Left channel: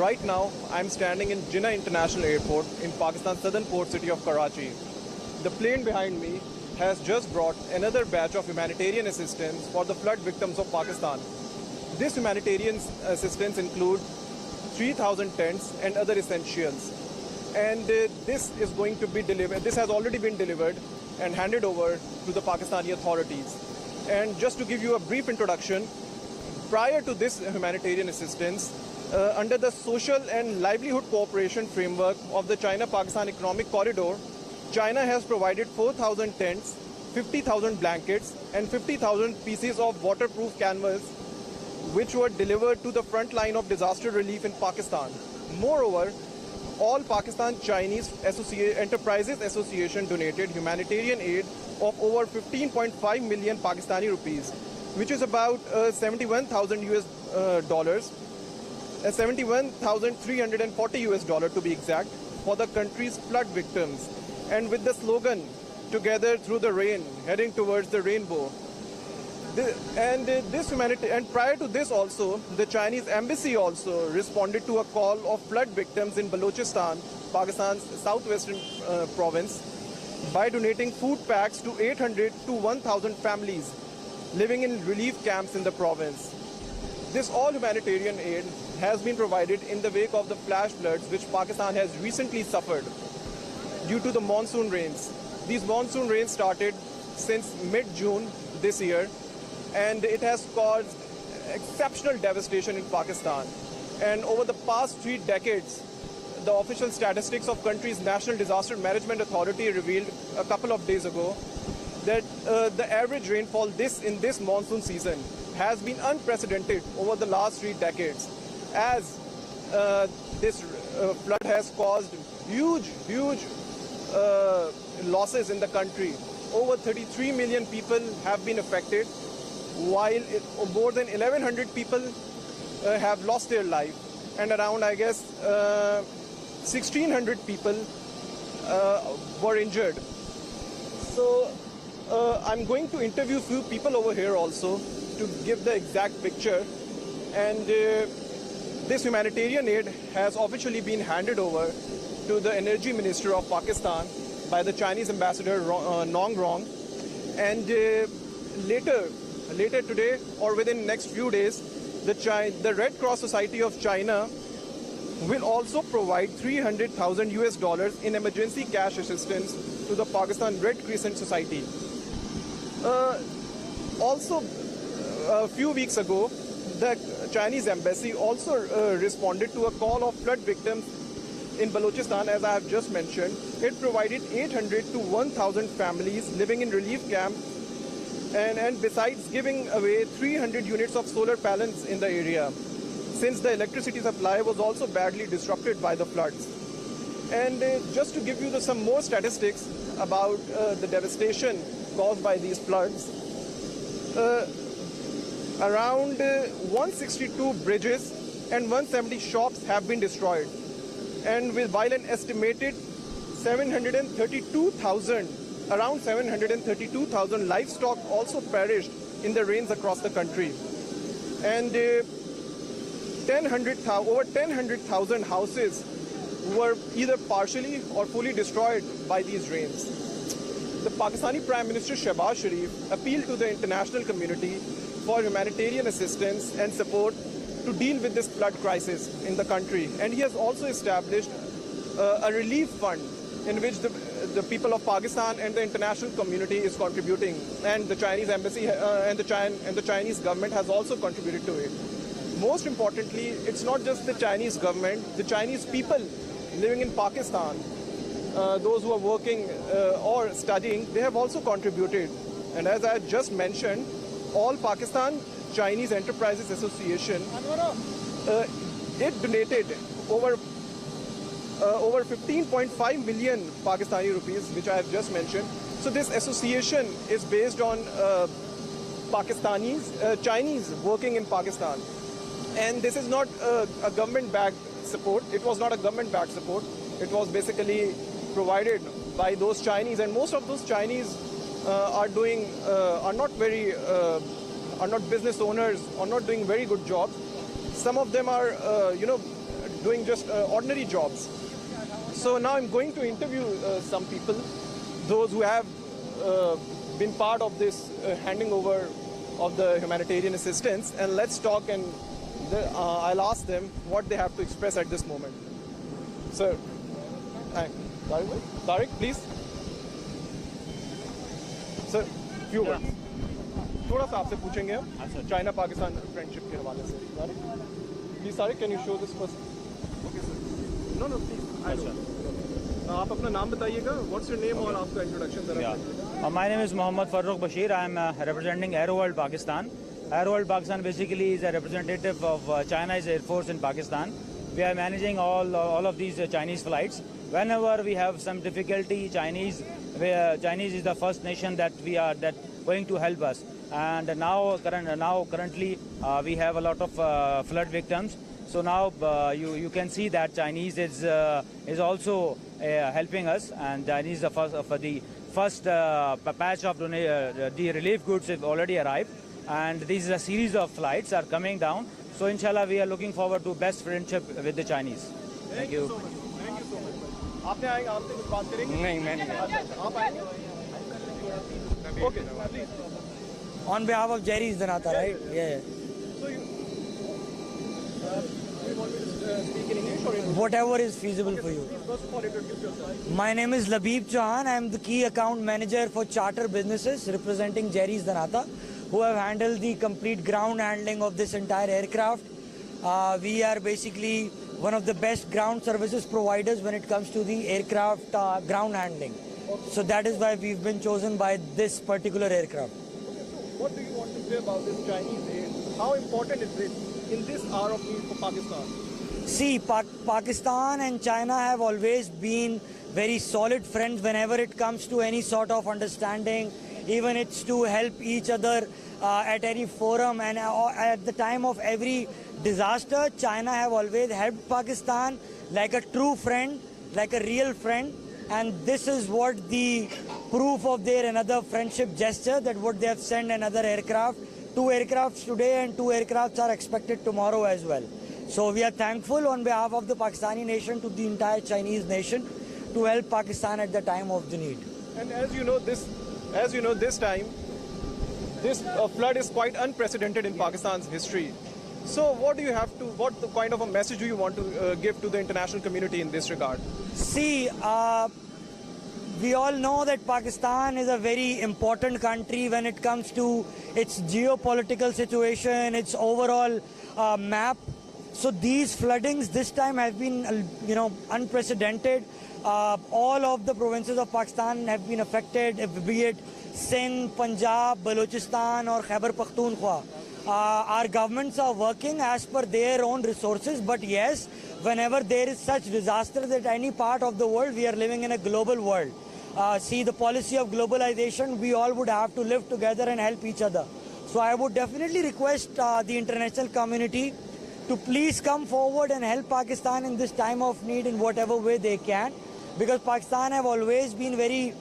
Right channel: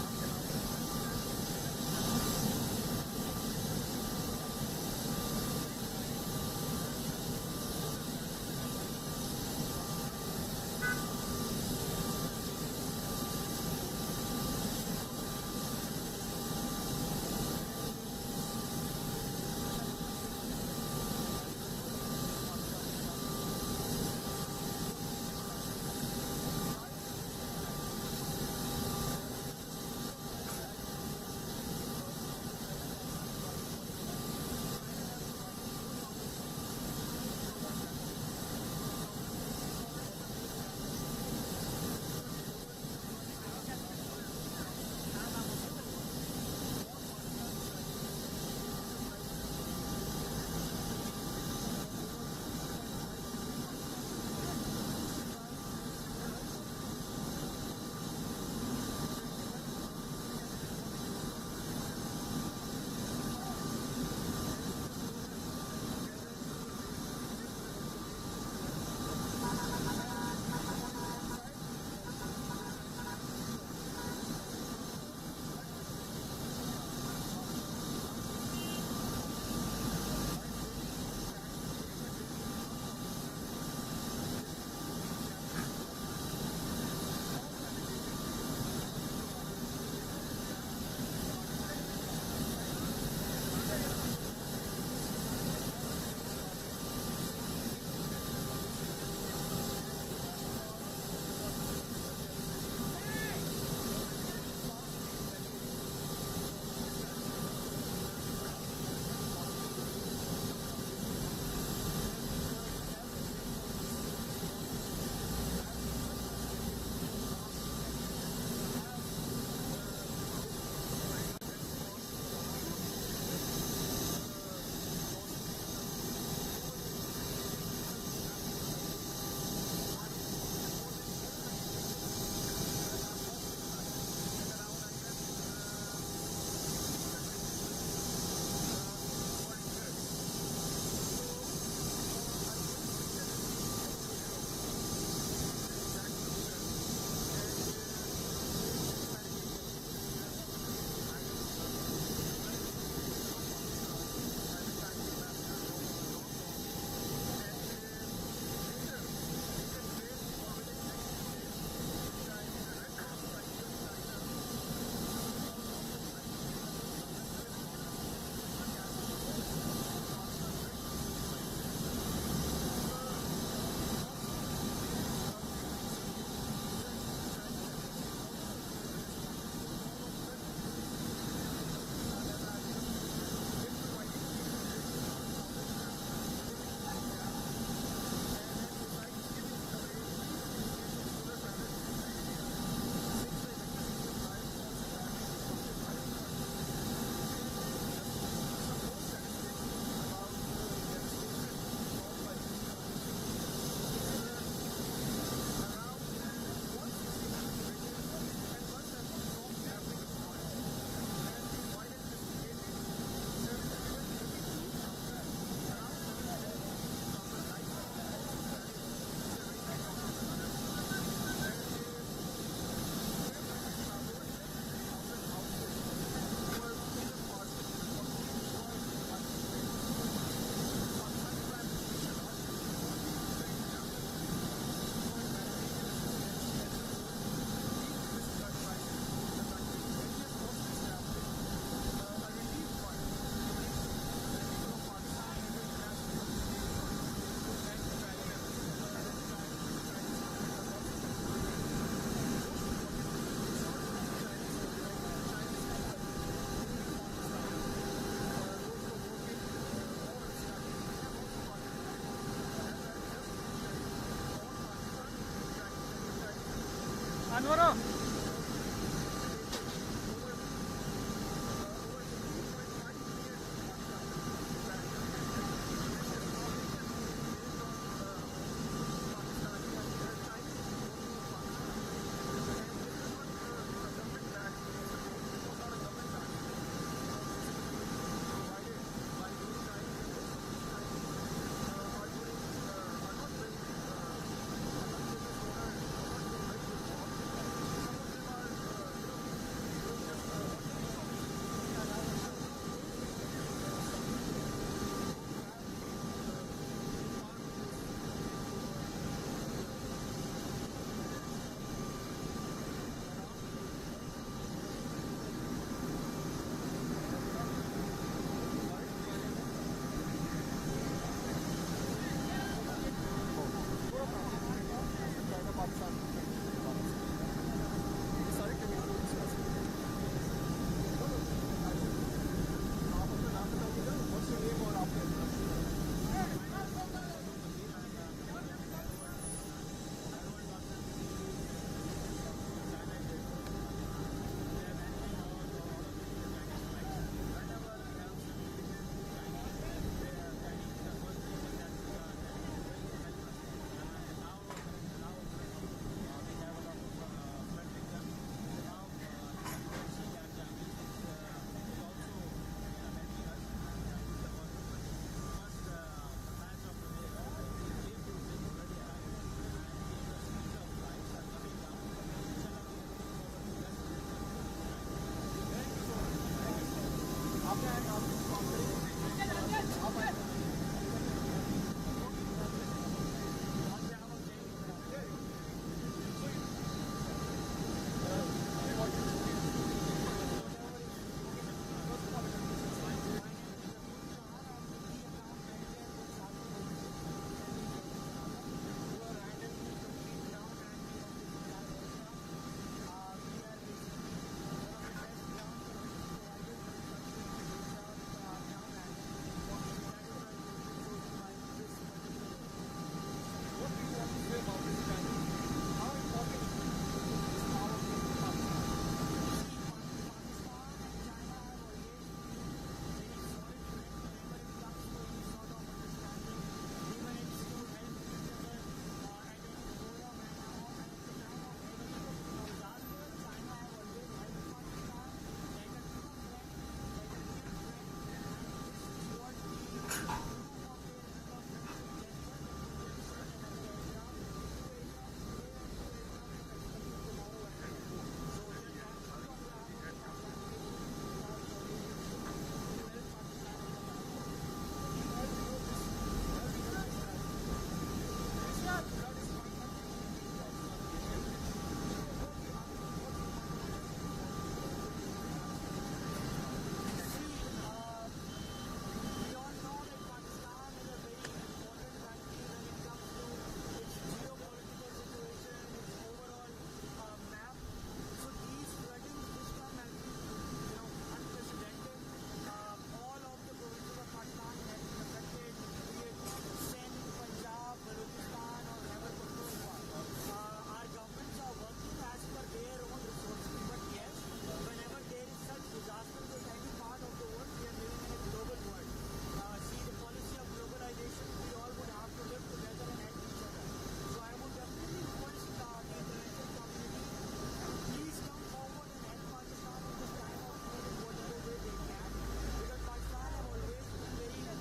Right now, I'm standing in Jinnah International Airport in Pakistan's southern port city of Karachi. The plane behind me has just brought another batch of humanitarian assistance for the flood victims of Pakistan. This humanitarian assistance includes 3,000 tents and other essentials. And this is going to be delivered. This has already been delivered and handed over to the Pakistani authorities. And just to give you a brief introduction, prior to this humanitarian assistance, under the Social and Livelihood Cooperation Framework of the China-Pakistan Economic Corridor, China has provided 4,000 tents, 50,000 blankets, and 50,000 pieces of waterproof canvas, which were delivered to the front line of disaster relief in Pakistan. Moreover, all Pakistan Chinese Enterprises Association donated humanitarian aid of over 15.5 million Pakistani rupees, which is about 71,000 US dollars, 71,340 US dollars to be exact, for the country's flood victims. And with the slogan, "Together through the rain, heading towards the rainbow." And prior to this also, the Chinese embassy also responded to a call of flood victims in Balochistan, Pakistan's southwestern province, by donating food packs to 800 to 1,000 families living in relief camps in the province. This all humanitarian aid has been provided in the wake of the flash floods which Pakistan has recently suffered due to the monsoon rains. These monsoon rains started since mid-June this year, and it has caused exceptional devastation in Pakistan. And over the past 3 decades, the official statistics of country's National Disaster Management Authority revealed a couple of days ago that the average rainfall in this monsoon season has been unprecedented over the last 3 decades, as this flood has caused huge losses in the country. Over 33 million people have been affected, while more than 1,100 people have lost their life, and around, I guess, 1,600 people were injured. So I'm going to interview a few people over here also to give the exact picture. And this humanitarian aid has officially been handed over to the Energy Minister of Pakistan by the Chinese Ambassador Nong Rong. And later today, or within the next few days, the Red Cross Society of China will also provide 300,000 US dollars in emergency cash assistance to the Pakistan Red Crescent Society. Also, a few weeks ago, the Chinese embassy also responded to a call of flood victims in Balochistan, as I have just mentioned. It provided 800 to 1,000 families living in relief camps, and besides giving away 300 units of solar panels in the area, since the electricity supply was also badly disrupted by the floods. And just to give you some more statistics about the devastation caused by these floods, around 162 bridges and 170 shops have been destroyed, and while an estimated around 732,000 livestock also perished in the rains across the country, and over 1,000 houses were either partially or fully destroyed by these rains. The Pakistani Prime Minister Shehbaz Sharif appealed to the international community for humanitarian assistance and support to deal with this flood crisis in the country. And he has also established a relief fund in which the people of Pakistan and the international community is contributing, and the Chinese embassy and the Chinese government has also contributed to it. Most importantly, it's not just the Chinese government, the Chinese people living in Pakistan, those who are working or studying, they have also contributed. And as I just mentioned, all Pakistan Chinese Enterprises Association, it donated over 15.5 million Pakistani rupees, which I have just mentioned. So this association is based on Chinese working in Pakistan. And this is not a government-backed support. It was not a government-backed support. It was basically provided by those Chinese, and most of those Chinese are not business owners, or not doing very good jobs. Some of them are, doing just ordinary jobs. So now I'm going to interview some people, those who have been part of this handing over of the humanitarian assistance, and let's talk, and I'll ask them what they have to express at this moment. Sir, Tariq, please. Sir, few words. थोड़ा सा आपसे पूछेंगे हम China Pakistan friendship के हवाले से. Please, Tariq, can you show this person? Okay, sir. No, please. आप अपना नाम बताइएगा. What's your name और आपका introduction जरा. My name is Mohammad Farooq Bashir. I am representing Aero World Pakistan. Aero World Pakistan basically is a representative of China's Air Force in Pakistan. We are managing all of these Chinese flights. Whenever we have some difficulty, Chinese is the first nation that going to help us. And now currently we have a lot of flood victims. So now you can see that Chinese is also helping us, and Chinese the first batch of the relief goods have already arrived, and this is a series of flights are coming down. So inshallah we are looking forward to best friendship with the Chinese. Thank you so much. Thank you so much. आपने आएगा, आपसे कुछ बात करेंगे? नहीं, मैं नहीं. आप आएंगे? Okay. On behalf of Jerry's Danata, right? Yeah. So you want to speak in English or in Whatever is feasible for you. First of all, introduce yourself. My name is Labib Chauhan. I am the key account manager for charter businesses representing Jerry's Danata, who have handled the complete ground handling of this entire aircraft. We are basically one of the best ground services providers when it comes to the aircraft ground handling. So that is why we've been chosen by this particular aircraft. What do you want to say about this Chinese aid? How important is it in this hour of need for Pakistan? See, Pakistan and China have always been very solid friends whenever it comes to any sort of understanding. Even it's to help each other at any forum, and at the time of every disaster, China have always helped Pakistan like a true friend, like a real friend. And this is what the proof of their another friendship gesture, that what they have sent another aircraft. 2 aircrafts today and 2 aircrafts are expected tomorrow as well. So we are thankful on behalf of the Pakistani nation to the entire Chinese nation to help Pakistan at the time of the need. And as you know, this time, this flood is quite unprecedented in Pakistan's history. So what kind of a message do you want to give to the international community in this regard? See, we all know that Pakistan is a very important country when it comes to its geopolitical situation, its overall map. So these floodings this time have been, unprecedented. All of the provinces of Pakistan have been affected, be it Sindh, Punjab, Balochistan or Khyber Pakhtunkhwa. Our governments are working as per their own resources, but yes, whenever there is such disaster at any part of the world, we are living in a global world. See, the policy of globalization, we all would have to live together and help each other. So I would definitely request the international community to please come forward and help Pakistan in this time of need in whatever way they can, because Pakistan have always been very,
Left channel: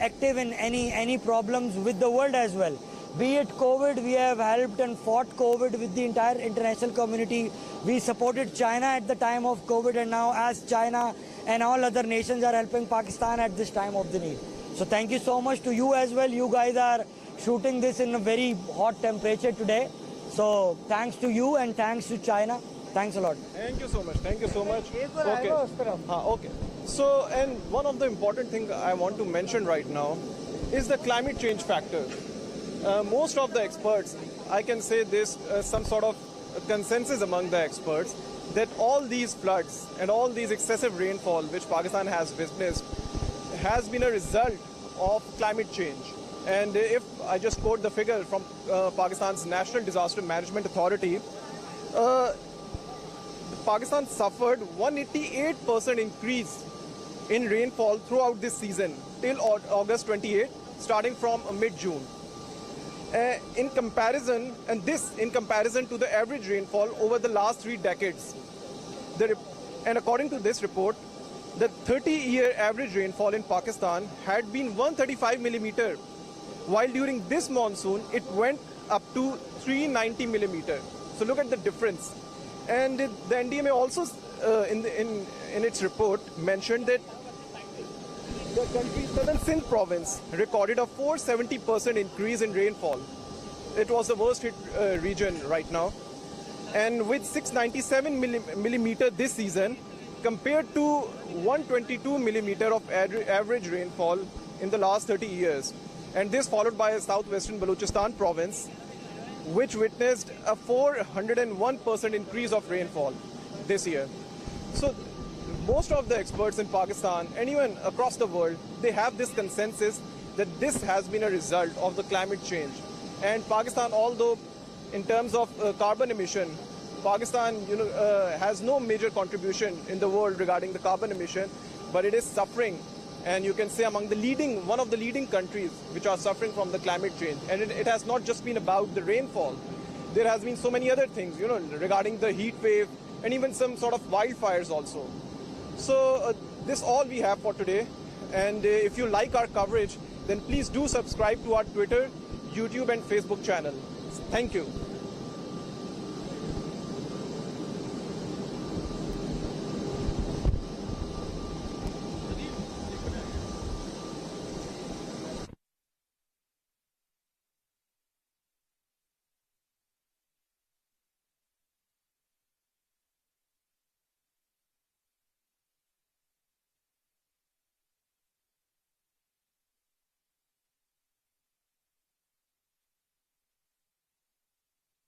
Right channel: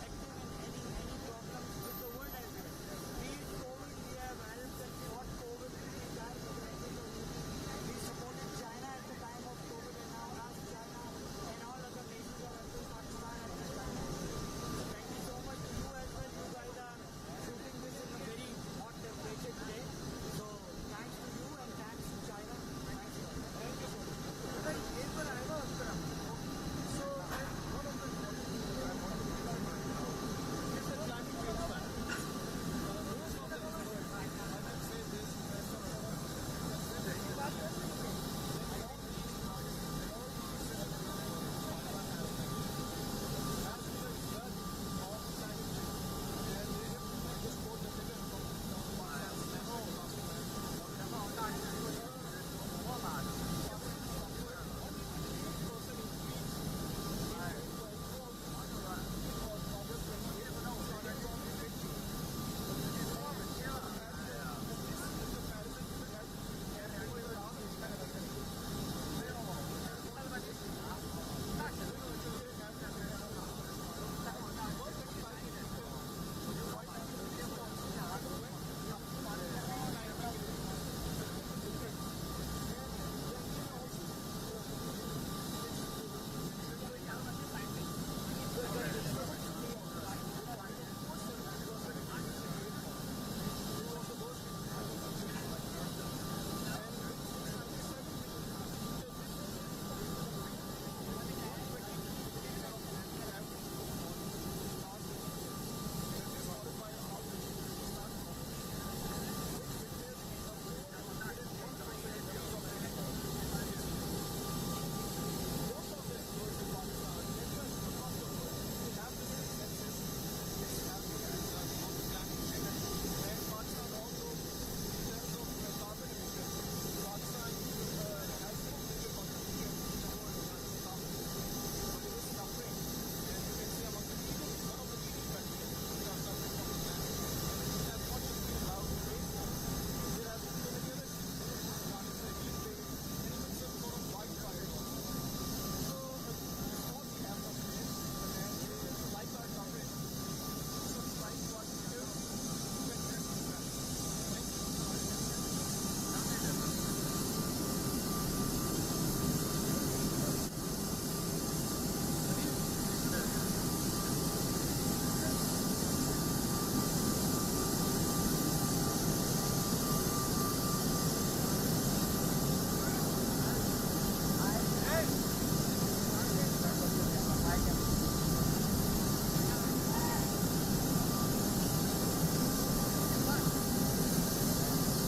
active in any problems with the world as well. Be it COVID, we have helped and fought COVID with the entire international community. We supported China at the time of COVID, and now as China and all other nations are helping Pakistan at this time of the need. So thank you so much to you as well. You guys are shooting this in a very hot temperature today. So thanks to you and thanks to China. Thanks a lot. Thank you so much. Thank you so much. Okay. Okay. So, and one of the important things I want to mention right now is the climate change factor. Most of the experts, I can say this, some sort of consensus among the experts, that all these floods and all these excessive rainfall which Pakistan has witnessed has been a result of climate change. And if I just quote the figure from Pakistan's National Disaster Management Authority, Pakistan suffered 188% increase in rainfall throughout this season till August 28, starting from mid-June. In comparison to the average rainfall over the last 3 decades. And according to this report, the 30-year average rainfall in Pakistan had been 135 millimeter, while during this monsoon it went up to 390 millimeter. So look at the difference. And the NDMA also, in its report, mentioned that the country's southern Sindh province recorded a 470% increase in rainfall. It was the worst hit region right now. And with 697 millimeter this season, compared to 122 millimeter of average rainfall in the last 30 years. And this followed by a southwestern Balochistan province, which witnessed a 401% increase of rainfall this year. So most of the experts in Pakistan and even across the world, they have this consensus that this has been a result of the climate change. And Pakistan, although in terms of carbon emission, Pakistan has no major contribution in the world regarding the carbon emission, but it is suffering, and you can say among one of the leading countries which are suffering from the climate change. And it has not just been about the rainfall. There has been so many other things, regarding the heat wave and even some sort of wildfires also. So this all we have for today. And if you like our coverage, then please do subscribe to our Twitter, YouTube and Facebook channel. Thank you.